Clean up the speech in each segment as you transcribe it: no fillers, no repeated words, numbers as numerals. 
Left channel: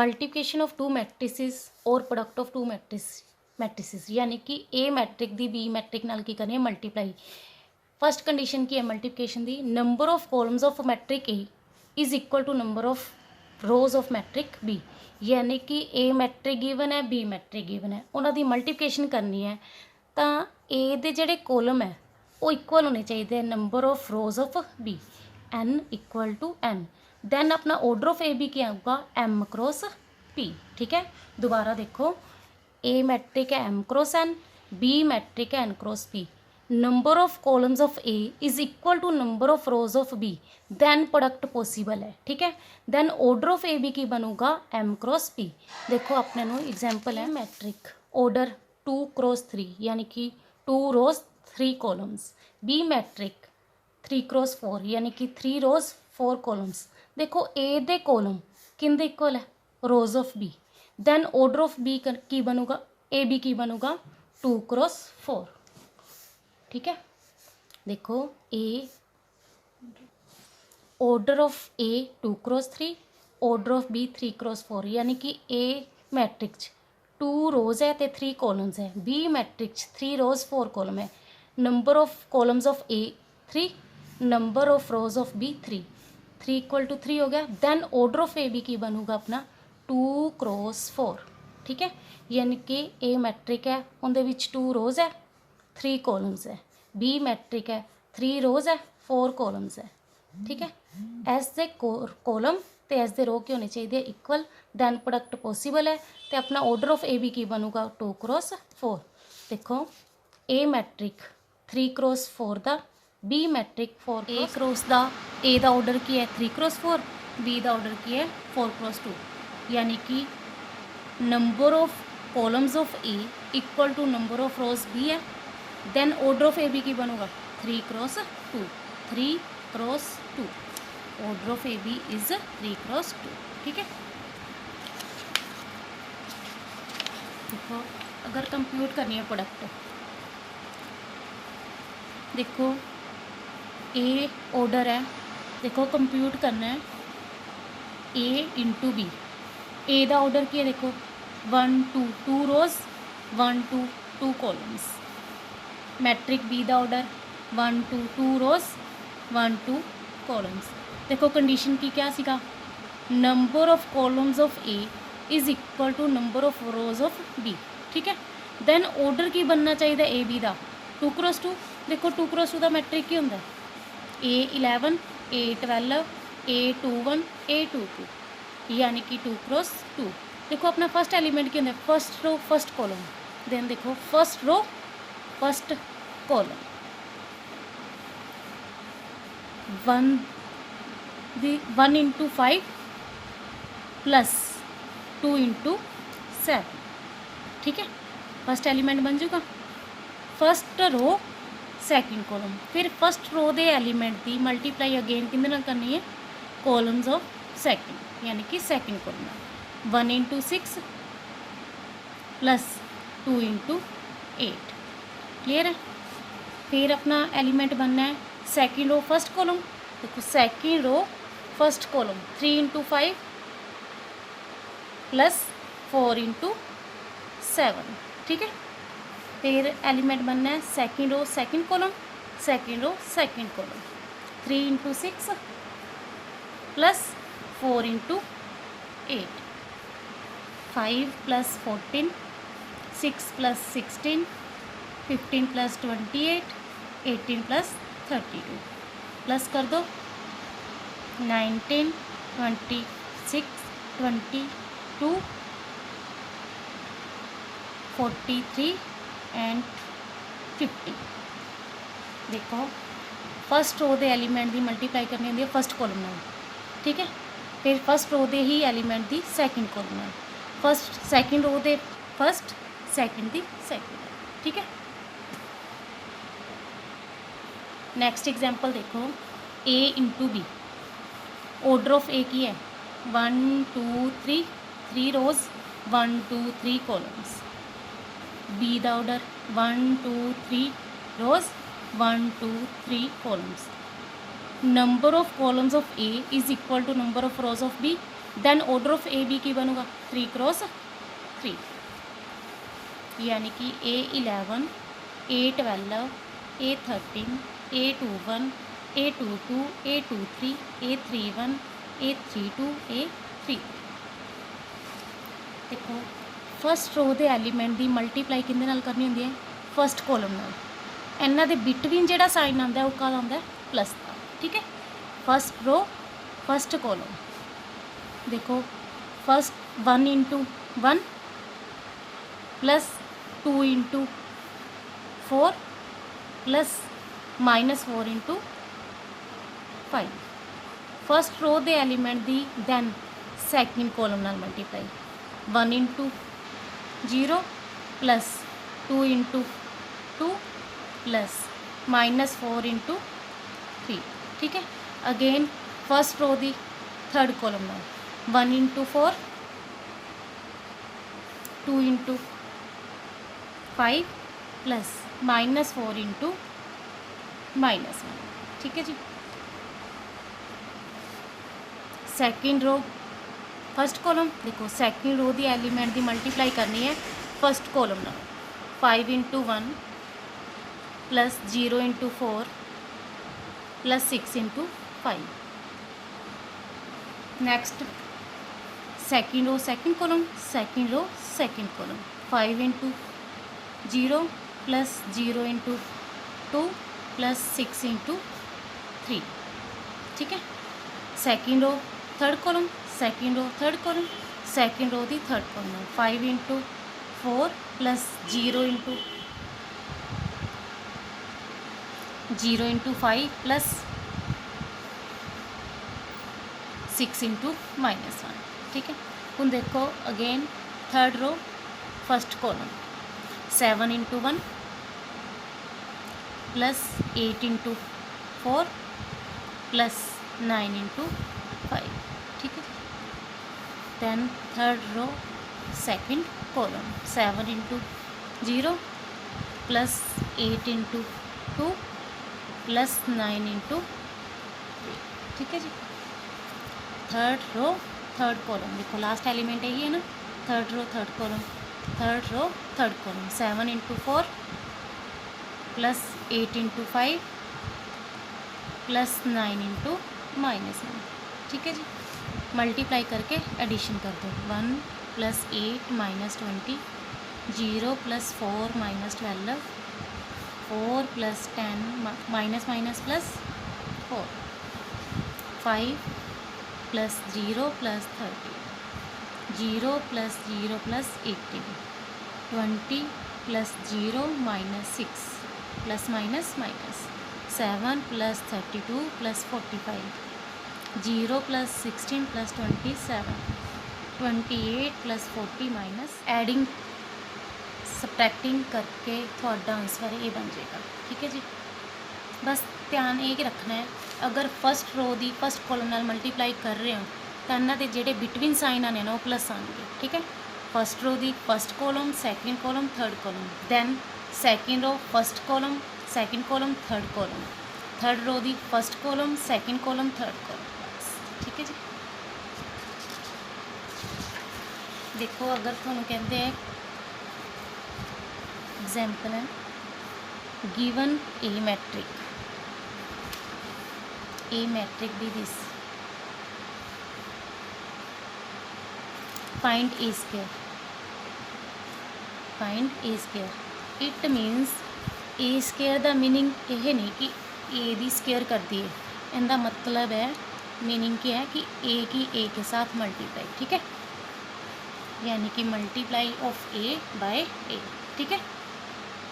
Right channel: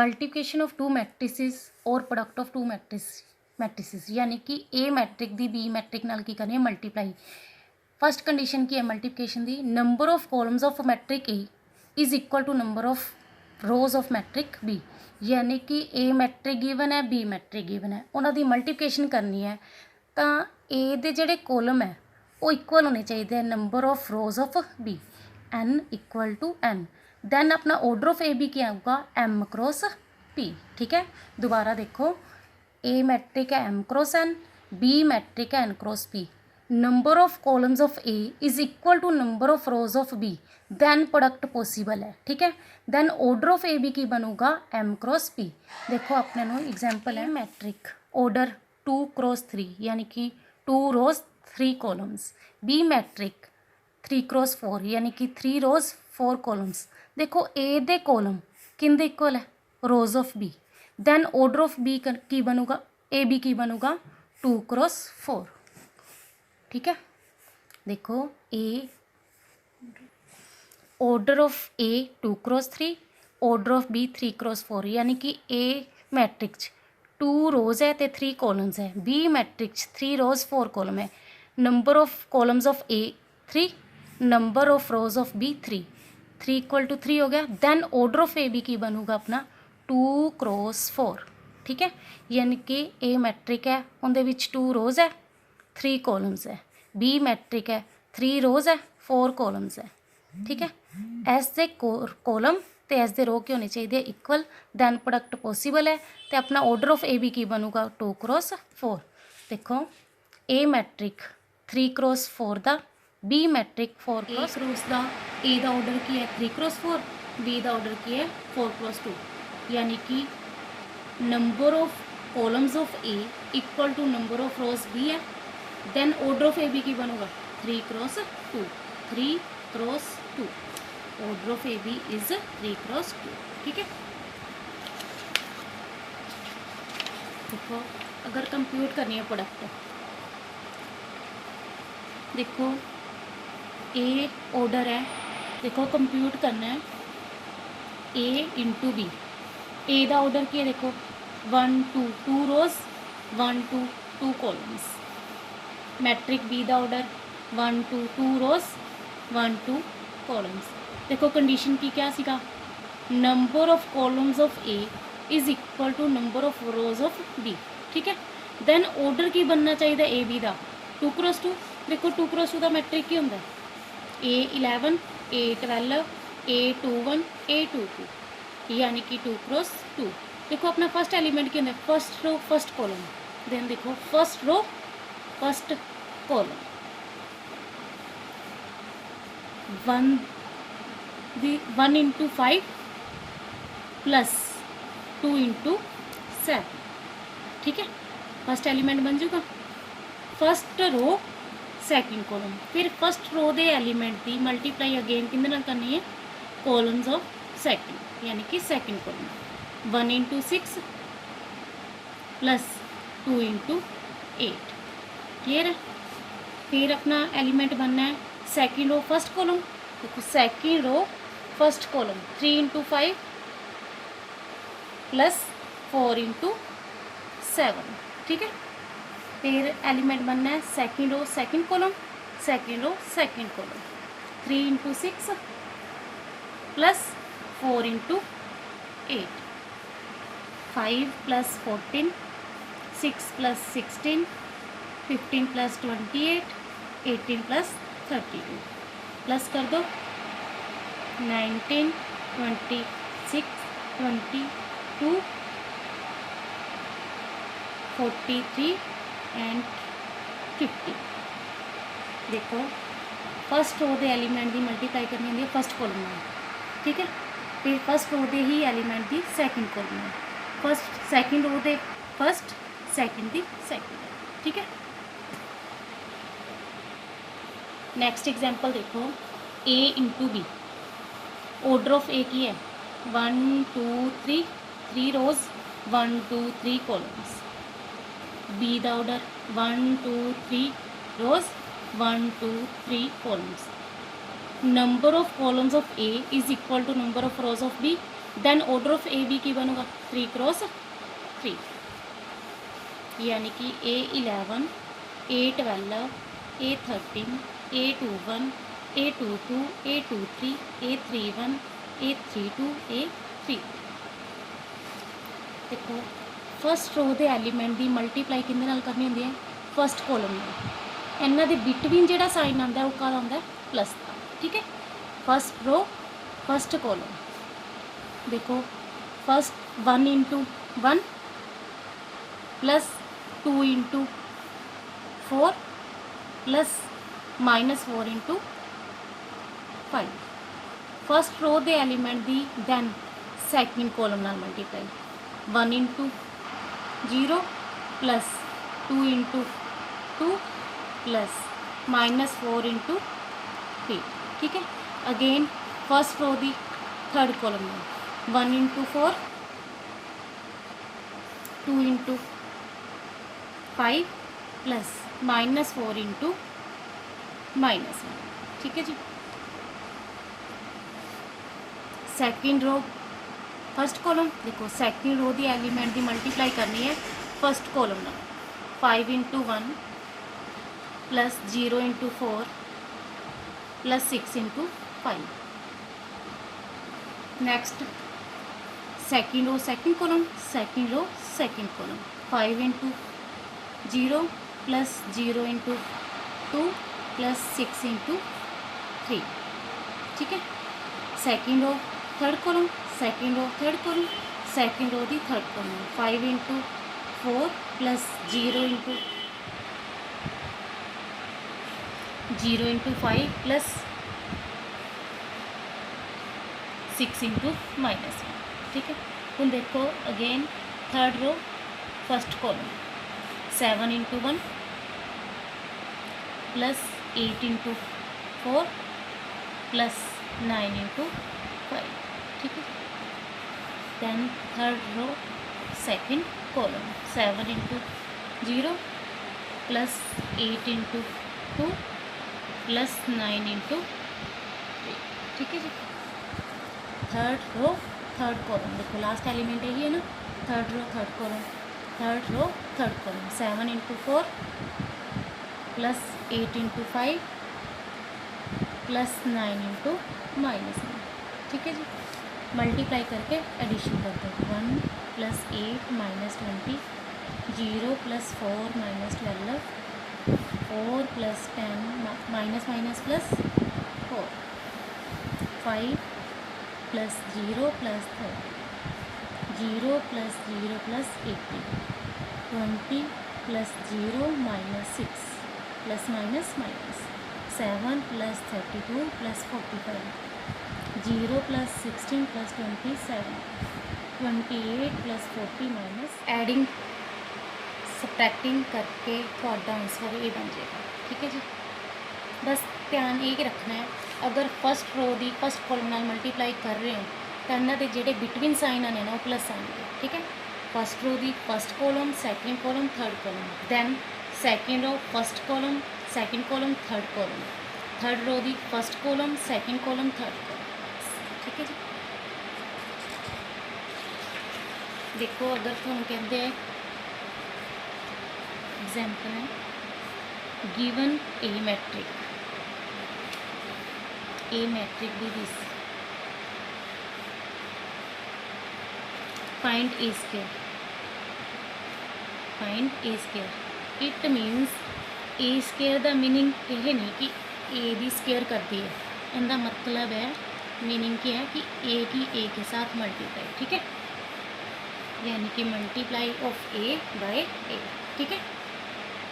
Multiplication of two matrices और product of two matrices यानी कि ए मैट्रिक दी बी मैट्रिक नाल की करनी है मल्टीप्लाई। फर्स्ट कंडीशन की है मल्टीप्लिकेशन दी, number of columns of matrix A is equal to number of rows of matrix B. यानी कि ए मैट्रिक गिवन है, बी मैट्रिक गिवन है, उन्हों की मल्टीप्लिकेशन करनी है तो ए दे जिहड़े कॉलम है वो इक्वल होने चाहिए number of rows of B, n equal to n. Then अपना ऑर्डर ऑफ ए बी क्या होगा, एम क्रॉस पी। ठीक है, दोबारा देखो, ए मैट्रिक है m cross n, B matrix है n cross p. Number of columns of A is equal to number of rows of B, then product possible है। ठीक है, then order of A B की बनूगा m cross p. देखो अपने know example है matric order 2 cross 3 यानी कि 2 रोज 3 कॉलम्स। बी मैट्रिक 3 क्रॉस 4 यानी कि 3 रोज 4 कॉलम्स। देखो ए दे कॉलम किंदे इक्वल है, rows of B. Then order of B की बनूगा, ए बी की बनूगा 2 क्रॉस 4। ठीक है, देखो A order of A 2 cross 3, order of B 3 cross 4 यानी कि ए मैट्रिक्स 2 रोज है तो 3 कॉलम्स है, बी मैट्रिक्स 3 रोज 4 कॉलम है। Number of columns of A 3, number of rows of B 3, 3 equal to 3 हो गया। Then order of A B की बनूगा अपना 2 क्रॉस 4। ठीक है, यानी कि ए मैट्रिक है उनके विच 2 रोज है 3 कॉलम्स है, बी मैट्रिक है 3 रोज है 4 कॉलम्स है। ठीक है, एस दे कॉलम तो एस दे रो के होने चाहिए इक्वल, दैन प्रोडक्ट पॉसिबल है तो अपना ऑर्डर ऑफ ए बी की बनूगा 2 क्रॉस 4। देखो ए मैट्रिक 3 क्रॉस 4 का, बी मैट्रिक 4 क्रॉस का, ए का ऑर्डर की है 3 क्रॉस 4, बी का ऑर्डर की है 4 क्रॉस 2। यानी कि number of columns of A equal to number of rows B है। Then order of A B की बनोगा 3 cross 2, 3 cross 2। Order of A B is 3 cross 2। ठीक है, देखो अगर कंप्यूट करनी है प्रोडक्ट, देखो ए ऑर्डर है, देखो कंप्यूट करना है ए इंटू बी। ए का ऑर्डर क्या है, देखो 1 2 2 रोज 1 2 2 कॉलम्स। मैट्रिक बी का ऑर्डर 1 2 2 रोज 1 2 कॉलम्स। देखो कंडीशन की क्या सीगा, number of columns of A is equal to number of rows of B. ठीक है, दैन ऑर्डर की बनना चाहिए ए बी का 2 क्रॉस 2। देखो 2 क्रॉस 2 का मैट्रिक की होंगे ए 11 ए 12 ए 21 ए 22 यानी कि 2 क्रॉस 2। देखो अपना फर्स्ट एलिमेंट क्या होंगे, first row first column. Then देखो first row first column 1 into 5 plus 2 into 7। ठीक है, फर्स्ट एलिमेंट बन जाएगा फर्स्ट रो सैकेंड कॉलम। फिर फर्स्ट रो के एलिमेंट की मल्टीप्लाई अगेन किंदे नाल करनी है, कॉलम्स ऑफ सैकेंड यानी कि second column 1 into 6 plus 2 into 8। Clear है, फिर अपना एलिमेंट बनना है सेकेंड रो फर्स्ट कॉलम। देखो second row first column 3 into 5 plus 4 into 7। ठीक है, फिर एलिमेंट बनना है second row second column, second row second column 3 into 6 plus 4 into 8, 5 plus 14, 6 plus 16, 15 plus 28, 18 plus 32। Plus कर दो 19 26 22 43 एंड 50। देखो फर्स्ट रो के एलीमेंट की मल्टीप्लाई करनी होंगी फर्स्ट कॉलम में। ठीक है, फिर फर्स्ट रो के ही एलीमेंट की सैकेंड कॉलम में, फर्स्ट सैकेंड रो के फर्स्ट सैकेंड की सैकेंड। ठीक है, नेक्स्ट एग्जाम्पल देखो A into B. Order of A की है 1 2 3, 3 रोज 1 2 3 कॉलम्स। बी का order 1 2 3 rows 1 2 3 columns. Number of columns of A is equal to number of rows of B, then order of A B की बनूगा 3 cross 3, यानी कि A11, A12, A13, A21, A22, A23, A31, A32, A3। देखो first row के element की multiply किहदे नाल करनी होंदी है, फस्ट कॉलम नाल। इन्हां दे बिटवीन जिहड़ा साइन आउंदा है वो कद आउंदा है, प्लस। ठीक है, फस्ट रो फस्ट कॉलम। देखो first 1 into 1 plus 2 into 4 plus -4 into 5। First row के एलीमेंट की दैन सैकेंड कॉलम नाल multiply 1 into 0 plus 2 into 2 plus -4 into 3। ठीक है, अगेन फस्ट रो की थर्ड कॉलम में 1 इंटू 4 2 इंटू 5 प्लस -4 इंटू -1। ठीक है जी, सैकेंड रो फस्ट कॉलम। देखो सैकेंड रो की एलीमेंट की मल्टीप्लाई करनी है फस्ट कॉलम में 5 into 1 plus 0 into 4 plus 6 into 5। Next second row second column, second row second column 5 into 0 plus 0 into 2 plus 6 into 3। ठीक है, second row third column, second row third column, second row की third column 5 into 4 plus 0 into 5 plus 6 into -1। ठीक है, हम देखो again third row first column 7 into 1 plus 8 into 4 plus 9 into 5। ठीक है, then third row second column 7 into 0 plus 8 into 2 plus 9 into 3। ठीक है जी, थर्ड रो थर्ड कॉलम। देखो लास्ट एलिमेंट यही है ना, third row third column, third row third column 7 into 4 plus 8 into 5 plus 9 into -1। ठीक है जी, मल्टीप्लाई करके एडिशन कर दो 1 plus 8 minus 20 0 plus 4 minus 12 4 plus 10 minus minus plus 4 5 plus 0 plus 30 0 plus 0 plus 80 20 plus 0 minus 6 plus minus minus 7 plus 32 plus 45 0 plus 16 plus 27 28 plus 40 minus adding subtracting करके थोड़ा answer ये बन जाएगा। ठीक है जी, बस ध्यान ये रखना है अगर फस्ट रो की फस्ट कॉलम नाल मल्टीप्लाई कर रहे हो तो इन्हों के जोड़े बिटवीन साइन आने ना वो प्लस आएंगे। ठीक है, फस्ट रो की first column second column third column, then second row first column second column third column, third row की first column second column third column. ठीक है जी, देखो अगर तुम कहते हैं एग्जाम्पल है given a matrix the this find A square it minus A square का मीनिंग ये नहीं कि ए दी स्केयर करती है, इनका मतलब है मीनिंग क्या है कि ए के साथ मल्टीप्लाई। ठीक है, यानी कि मल्टीप्लाई ऑफ ए बाय ए। ठीक है,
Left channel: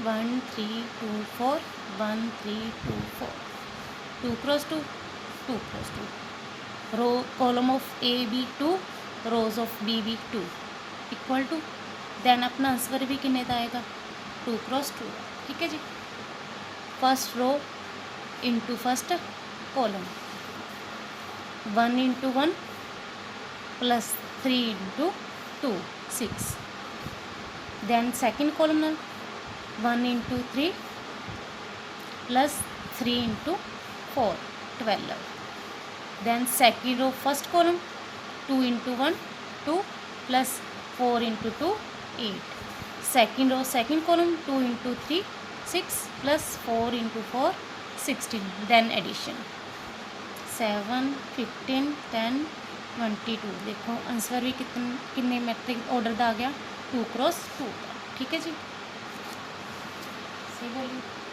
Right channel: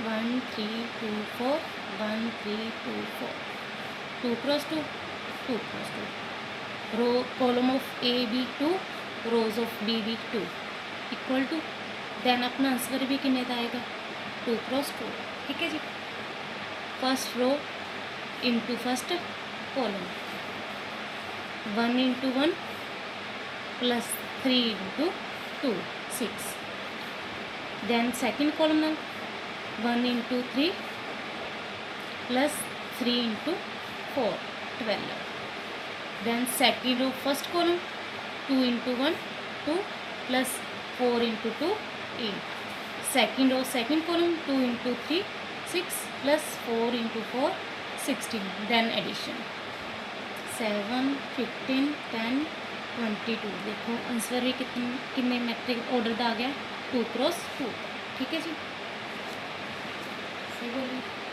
1 3 2 4 1 3 2 4 2 cross 2 2 cross 2 row column of A B 2 rows of B B 2 equal to then अपना आंसर भी किन्ने का आएगा 2 क्रॉस 2। ठीक है जी, first row into first column 1 into 1 plus 3 into 2 6 then second column 1 into 3 plus 3 into 4 12 then second row first column 2 into 1 2 plus 4 into 2 8 second row second column 2 into 3 6 plus 4 into 4 16 then addition 7 15 10 22 देखो answer भी कितने matric order का आ गया 2 cross 2 ठीक है जी सी बोलिए